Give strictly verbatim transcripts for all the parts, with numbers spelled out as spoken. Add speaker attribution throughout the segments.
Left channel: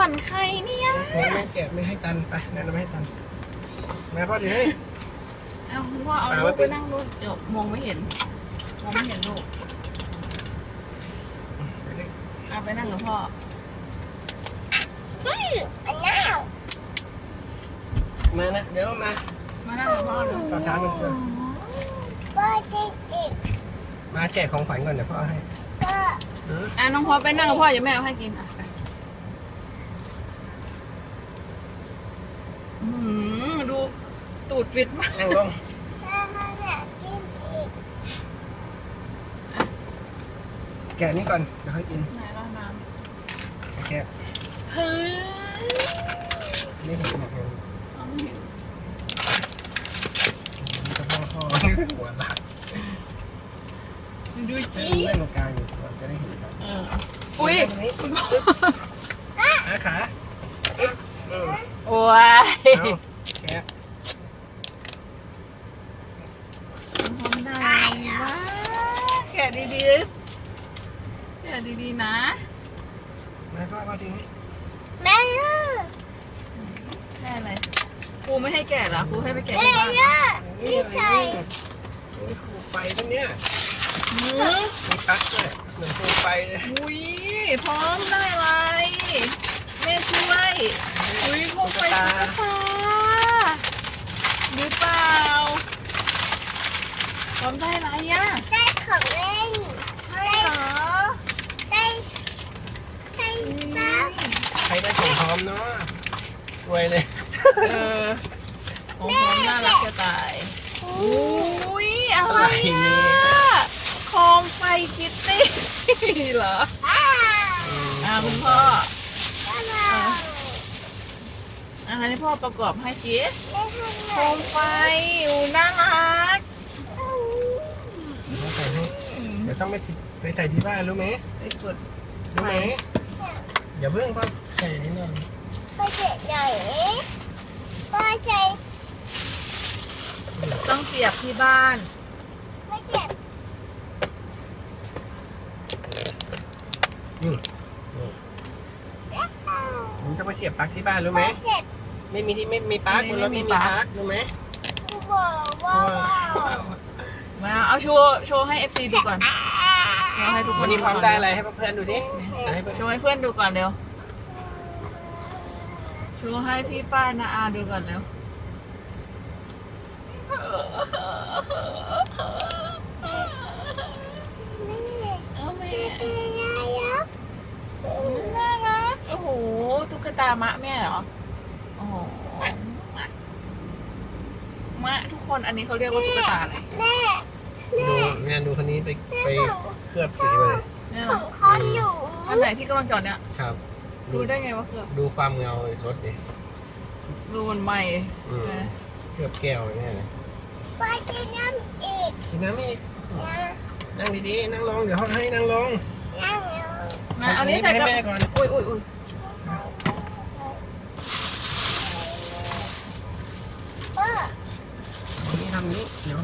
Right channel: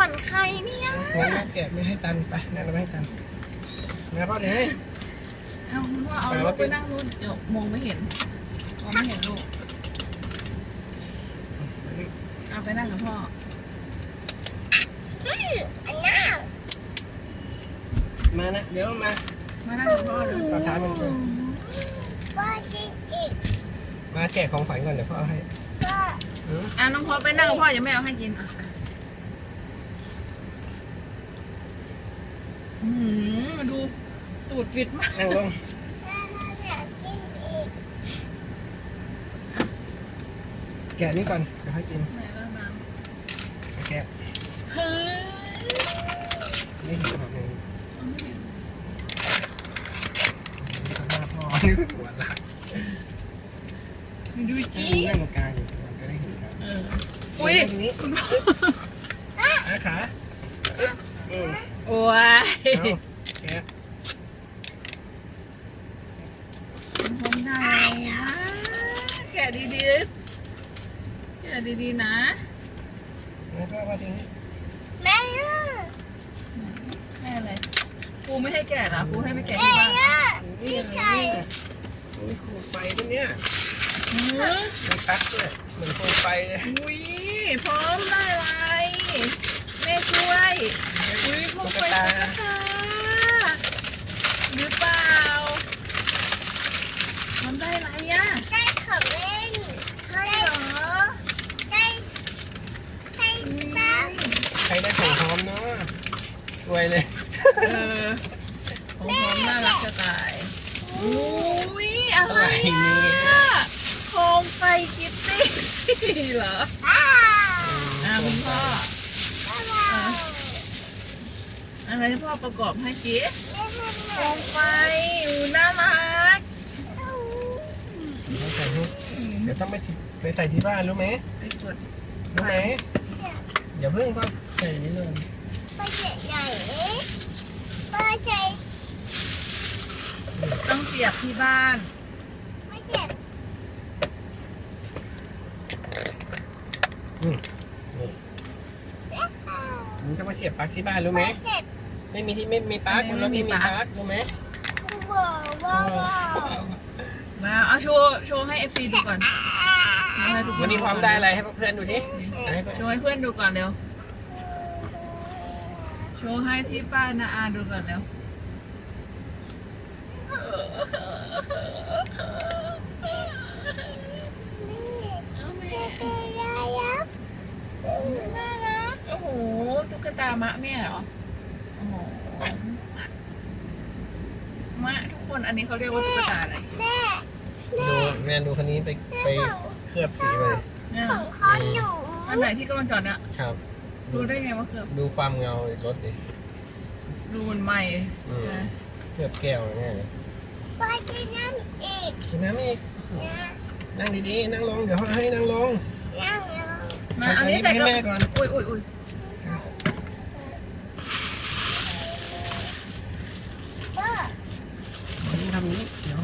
Speaker 1: อนใครเนี่ย
Speaker 2: งั้นแม่แกะไม่ให้ตันไปงั้นเราไม่ให้ตันนะพ่อเดี๋ยวให้
Speaker 1: เอาพ่อเอาลูกไปนั่งลูกเดี๋ยวมองไม่เห็นมองไม่เห็นลูกเอาไปนั่งกับพ่อ
Speaker 3: อันน่า
Speaker 2: มานะเดี๋ยวมา
Speaker 1: มานั่งกับพ่อเดี๋ยว
Speaker 2: ต่อท้ามันเลย
Speaker 3: พ่อจะอีก
Speaker 2: มาแกะของขวัญก่อนเดี๋ยวพ่อให้
Speaker 3: พ่อ
Speaker 1: อ่ะน้องพ่อไปนั่งกับพ่อเดี๋ยวแม่เอาให้กินอ่ะอืมดูตูดฟิตมาก
Speaker 2: นั่งลงแกะนี่ก่อนเดี๋ยวให้กิน
Speaker 1: ไหนล่ะน้
Speaker 2: ำแกะ
Speaker 1: เฮ้ย
Speaker 2: ไม่เห็นขนาดนั้น
Speaker 1: ไม่เห็น
Speaker 2: สภาพพ่อหัวหลัก
Speaker 1: ดูจี
Speaker 2: เล่นตรงกลางอยู่เราจะได้เห็นกัน
Speaker 1: อุ้ย
Speaker 2: อาขา
Speaker 1: โอ้ย
Speaker 2: แกะ
Speaker 1: ทำได้นะแกะดีๆแกะดีๆนะ
Speaker 2: มาพ่อพ่อจริง
Speaker 3: แม่
Speaker 1: แม่เลยครูไม่ให้แกะเหรอครูให้ไปแกะ
Speaker 3: ที่บ้าน
Speaker 2: นี่ใช่นี่ครูไฟตรงเนี้ยมีปักด้วยเหมือนครูไฟเลย
Speaker 1: อุ้ยพร้อมได้ไรแม่ช่วยอุ้ยครูไฟตุ๊กตาหรือเปล่าพร้อมได้ไรอ่ะ
Speaker 3: ได้ของเล่น
Speaker 1: ได้เหรอ
Speaker 3: ได้ได้ปั๊บ
Speaker 2: ใครได้ของพร้อมเนาะรวยเลย
Speaker 1: เออของพร้อมน่ารักจะตายอุ้ยอะไรเนี่ยโคมไฟคิตตี้เหรออ่าคุณพ่ออะไรที่พ่อประกอบให้กิ๊ฟโคมไฟอูน่ารัก
Speaker 2: ต้องใส่ให้เดี๋ยวต้องไปไปใส่ที่บ้านรู้ไหม
Speaker 1: ไปกด
Speaker 2: รู้ไหมอย่าเพิ่งพ่อใส่นิดนึง
Speaker 3: ไปเจ็บใหญ่ป้าใส่
Speaker 1: ต้องเสียบที่บ้าน
Speaker 3: ไม่เจ็บ
Speaker 2: อืมมึงต้องมาเสียบปลั๊กที่บ้านรู้ไหมไม่มีที่ไม่มีปลั๊กรถไม่มีปลั๊กรู้ไหม
Speaker 1: มาเอาโชว์โชว์ให้เอฟซีดูก่อนให้ทุกคน
Speaker 2: วันนี้พร้อมได้อะไรให้เพื่อนดูที
Speaker 1: โชว์ให้เพื่อนดูก่อนเร็วโชว์ให้พี่ป้ายนาอาดูก่อนเร็วเอาแม่น่ารักโอ้โหตุ๊กตามะแม่เหรอโอ้โหมะมะทุกคนอันนี้เขาเรียกว่าตุ๊กตาอะไร
Speaker 3: แม่
Speaker 2: ดูเนี่ยดูคนนี้ไปไปเคลือบสีเลย
Speaker 3: ของเขาอยู่
Speaker 1: อันไหนที่กำลังจอดเนี่ย
Speaker 2: ครับ
Speaker 1: ดูได้ไงว่าเคลือบ
Speaker 2: ดูความเงารถดิ
Speaker 1: ดูมันใหม่
Speaker 2: เคลือบแก้วง่ายเลย
Speaker 3: ไปกินน้ำอีก
Speaker 2: กินน้ำอีกนั่งดีๆนั่งลงเดี๋ยวเขาให้นั่งลง
Speaker 3: นั่งลง
Speaker 1: มาเอานี้ใส่กับแม่ก่อนอุ้ยอุ้ยอุ้ย
Speaker 2: นี่ทำนี้เดี๋ยว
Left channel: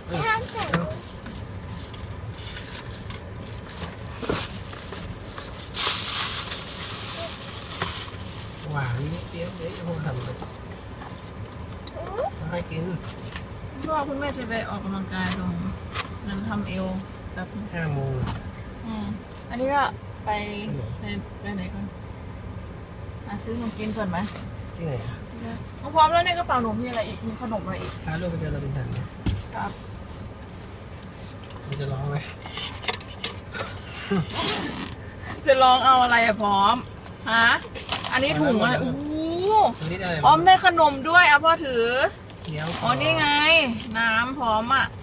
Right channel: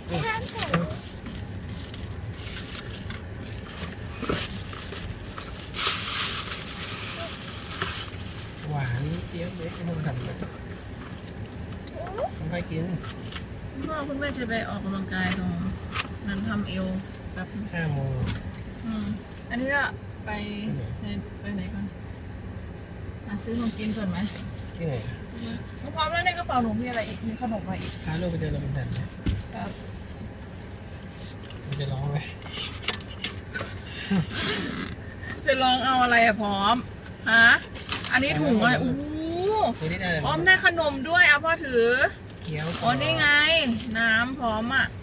Speaker 2: หวานเตี้ยเด็กเขาทำเลยให้กิน
Speaker 1: พ่อคุณแม่จะไปออกกำลังกายตรงนั้นทำเอวแบบ
Speaker 2: ห้าโมง
Speaker 1: อืมอันนี้ก็ไปไปไปไหนก่อนมาซื้อของกินก่อนไหม
Speaker 2: ที่ไหน
Speaker 1: พร้อมแล้วในกระเป๋าหนูมีอะไรอีกมีขนมอะไรอีก
Speaker 2: พาลูกไปเดินลำดันครับมันจะร้องไหม
Speaker 1: จะลองเอาอะไรอะพร้อมฮะอันนี้ถุงอะไรอู้พร้อมได้ขนมด้วยเอาพ่อถืออ๋อนี่ไงน้ำพร้อมอ่ะ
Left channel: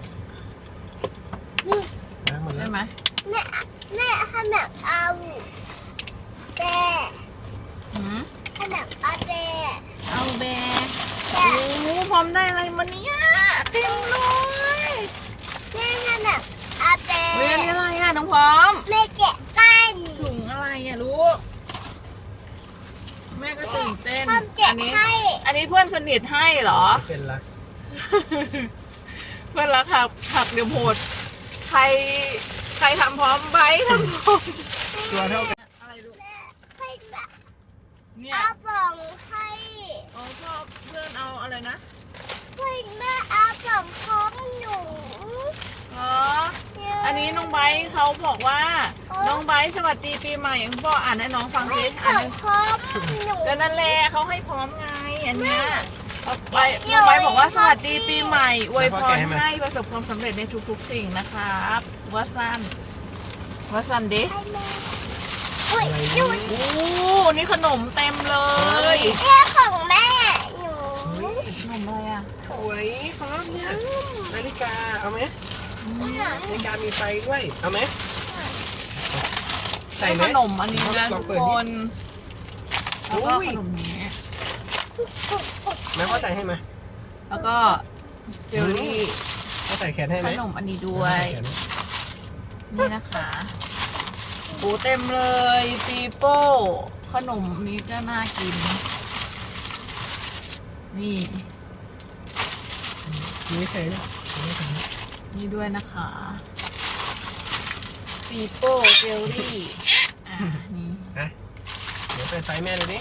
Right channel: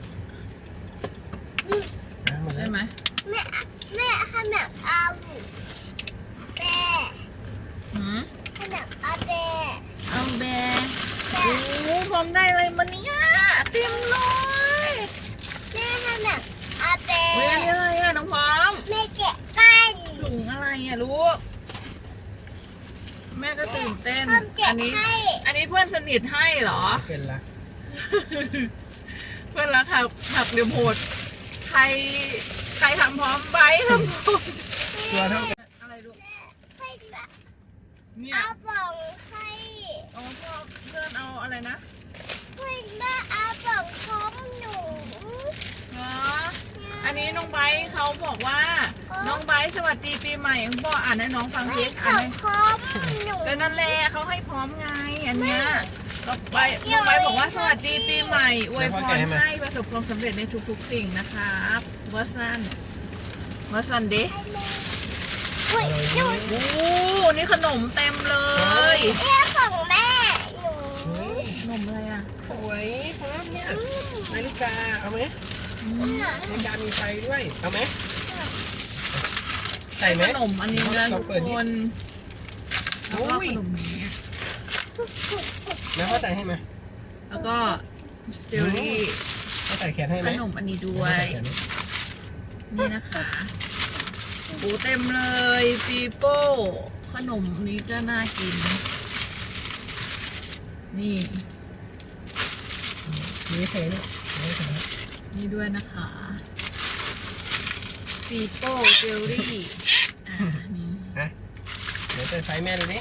Speaker 1: ใช่ไหม
Speaker 3: แม่แม่ขนมเอาแบะ
Speaker 1: หืม
Speaker 3: ขนมเอาแบะ
Speaker 1: เอาแบะโอ้พร้อมได้อะไรมาเนี่ยเต็มเลย
Speaker 3: แม่ขนมเอาแบะ
Speaker 1: เฮ้ยอันนี้อะไรอ่ะน้องพร้อม
Speaker 3: แม่เจ็บกัน
Speaker 1: ถุงอะไรอ่ะลูกแม่ก็ตื่นเต้นอันนี้อันนี้เพื่อนสนิทให้เหรอ
Speaker 2: เพื่อนรัก
Speaker 1: เพื่อนรักหักหักเดี๋ยวโหดใครใครทำพร้อมไบทำพร้อม
Speaker 2: ตัวเท่า
Speaker 1: อะไรลูกเนี่ย
Speaker 3: เอาบ่องให้
Speaker 1: อ๋อพ่อเพื่อนเอาอะไรนะ
Speaker 3: เพื่อนแม่เอาบ่องของหนู
Speaker 1: อ๋ออันนี้น้องไบร์ทเขาบอกว่าน้องไบร์ทสวัสดีปีใหม่พ่ออ่านให้น้องฟัง
Speaker 3: ไม่
Speaker 1: สิ
Speaker 3: ข
Speaker 1: อ่า
Speaker 3: อน งของหนู
Speaker 1: ก็นั่นแหละเขาให้พร้อมไงอันเนี้ยเอาไปน้องไบร์ทบอกว่าสวัสดีปีใหม่อวยพรให้ประสบความสำเร็จในทุกๆสิ่งนะครับว่าสั้นว่าสั้นดิ
Speaker 3: ให้แม่อุ้ย
Speaker 2: อะไร
Speaker 3: หนู
Speaker 2: เนี่ย
Speaker 1: โอ้นี่ขนมเต็มเลย
Speaker 3: เพื่อของแม่หนู
Speaker 2: เฮ้ย
Speaker 1: ขนมอะไรอ่ะ
Speaker 2: สวยพร้อมเนี่ยนาฬิกาเอาไหม
Speaker 1: อืม
Speaker 2: นาฬิกามีไฟด้วยเอาไหมใส่
Speaker 1: ได้
Speaker 2: ไหม
Speaker 1: ขนมอันนี้นะ
Speaker 2: ล
Speaker 1: ทุ
Speaker 2: อง
Speaker 1: ก
Speaker 2: เปิด
Speaker 1: ค
Speaker 2: ดิ
Speaker 1: นแล้วก็
Speaker 2: อุ้ย
Speaker 1: ขนมนี้
Speaker 2: แม่พ่อใส่ให้ไหม
Speaker 1: แล้วก็เจลลี่
Speaker 2: พ่อใส่แขนให้ไห
Speaker 1: ข
Speaker 2: ม
Speaker 1: นมอันนี้ด้วย
Speaker 2: แม่ใส่แขนไหม
Speaker 1: นี่นะคะโอ้เต็มเลยปีโป้ขนมนี้ก็น่ากิน นี่
Speaker 2: มีไม่ใช่เนี่ยไม่ใช่นะ
Speaker 1: นี่ด้วยนะคะปีโป้เจลลี่อ่านี่
Speaker 2: ฮะเดี๋ยวเปิดไฟแม่ดูดิ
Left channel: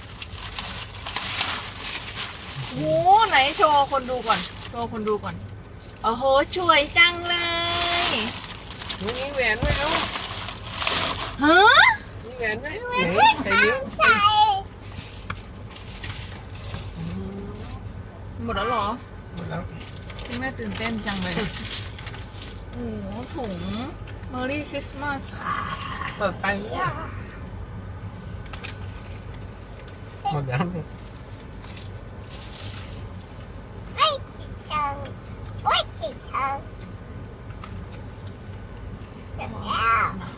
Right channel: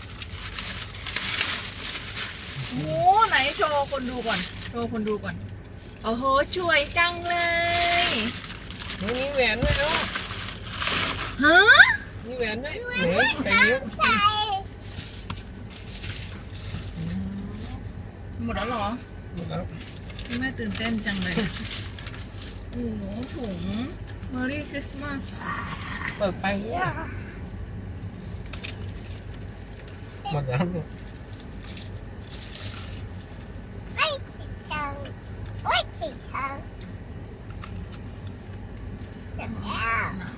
Speaker 1: โอ้ไหนโชว์คนดูก่อนโชว์คนดูก่อนโอ้โหสวยจังเลย
Speaker 2: มีมีแหวนด้วยเอ้า
Speaker 1: ฮะ
Speaker 2: มีแหวนด้วยไหนใส่นิ้ว
Speaker 3: ใส่
Speaker 1: หมดแล้วเหรอ
Speaker 2: หมดแล้ว
Speaker 1: พี่แม่ตื่นเต้นจังเลยโอ้โหถุง Merry Christmas
Speaker 2: เปิดไฟหมดแล้วลูก
Speaker 3: ไม่ขีดชังไม่ขีดชังเสร็จแล้ว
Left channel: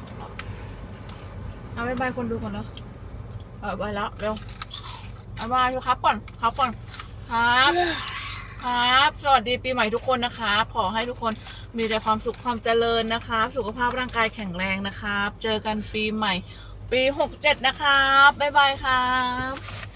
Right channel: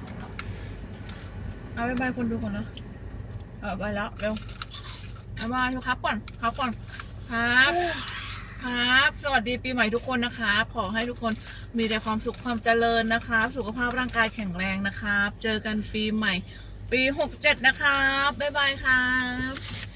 Speaker 1: เอาบายบายคนดูก่อนแล้วเออไปแล้วเร็วบายบายครับก่อนครับก่อนครับ ครับ สวัสดีปีใหม่ทุกคนนะคะขอให้ทุกคนมีแต่ความสุขความเจริญนะคะสุขภาพร่างกายแข็งแรงนะครับ เจอกันปีใหม่ ปีหกเจ็ดนะครับบ๊ายบายครับ